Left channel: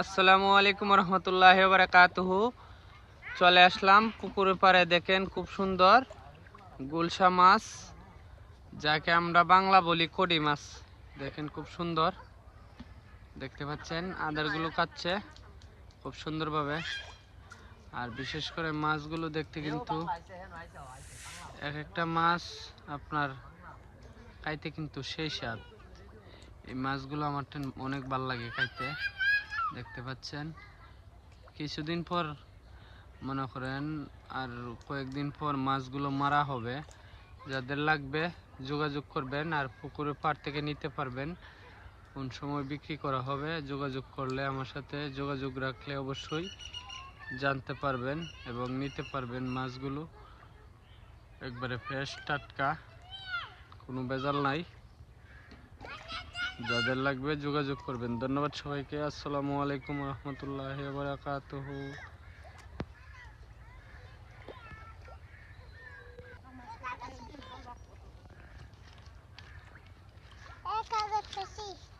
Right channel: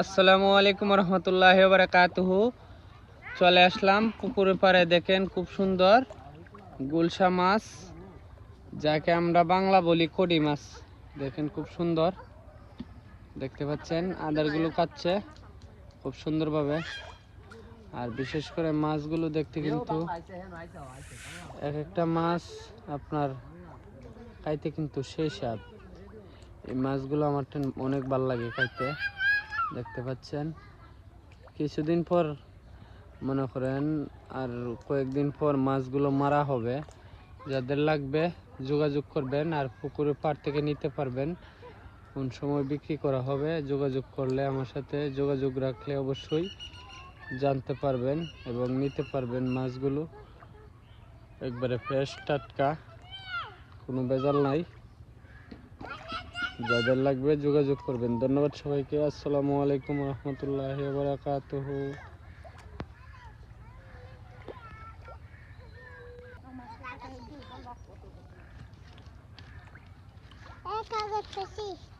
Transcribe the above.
আসসালামু আলাইকুম রহমতুল্লাহি ওয়া বারাকাতুহু। চলে আসলাম পুকুরের পাড়ে। দেখেন খুব সুন্দর গুলশা মাছ, যাকে আমরা বাংলা বলি কড়ি মাছ। দেখেন খুব সুন্দর দেখতে পাচ্ছেন, আদারগুলো কাটছে খুব সুন্দরভাবে। আর বিশেষ করে মাছগুলো দেখতে কিন্তু এক একটা মাছ আপনার খাইতে কিন্তু সেই স্বাদ। এই মাছগুলো আমার অনেক ভালো লাগে খাইতে। দেখতে পাচ্ছেন কিছুদিন পর মনে করেন আর কয়েকদিন পর মাছগুলো মারা হবে। যাদের লাগবে যোগাযোগ করবেন, আর পুকুরের পাড় থেকে নিতে পারবেন। কোন সময় বিক্রি করা হবে যোগাযোগ করলে, আমার সাথে যোগাযোগ রাখলে অবশ্যই জানতে পারবেন এবং নিতে পারবেন। মাছগুলো একবারে ফ্রেশ টাটকা, কোনো ভেজাল নাই। যাদের লাগবে যোগাযোগ করবেন। ধন্যবাদ সবাইকে। আসসালামু আলাইকুম রহমতুল্লাহি ওয়া বারাকাতুহু। É, cara, eu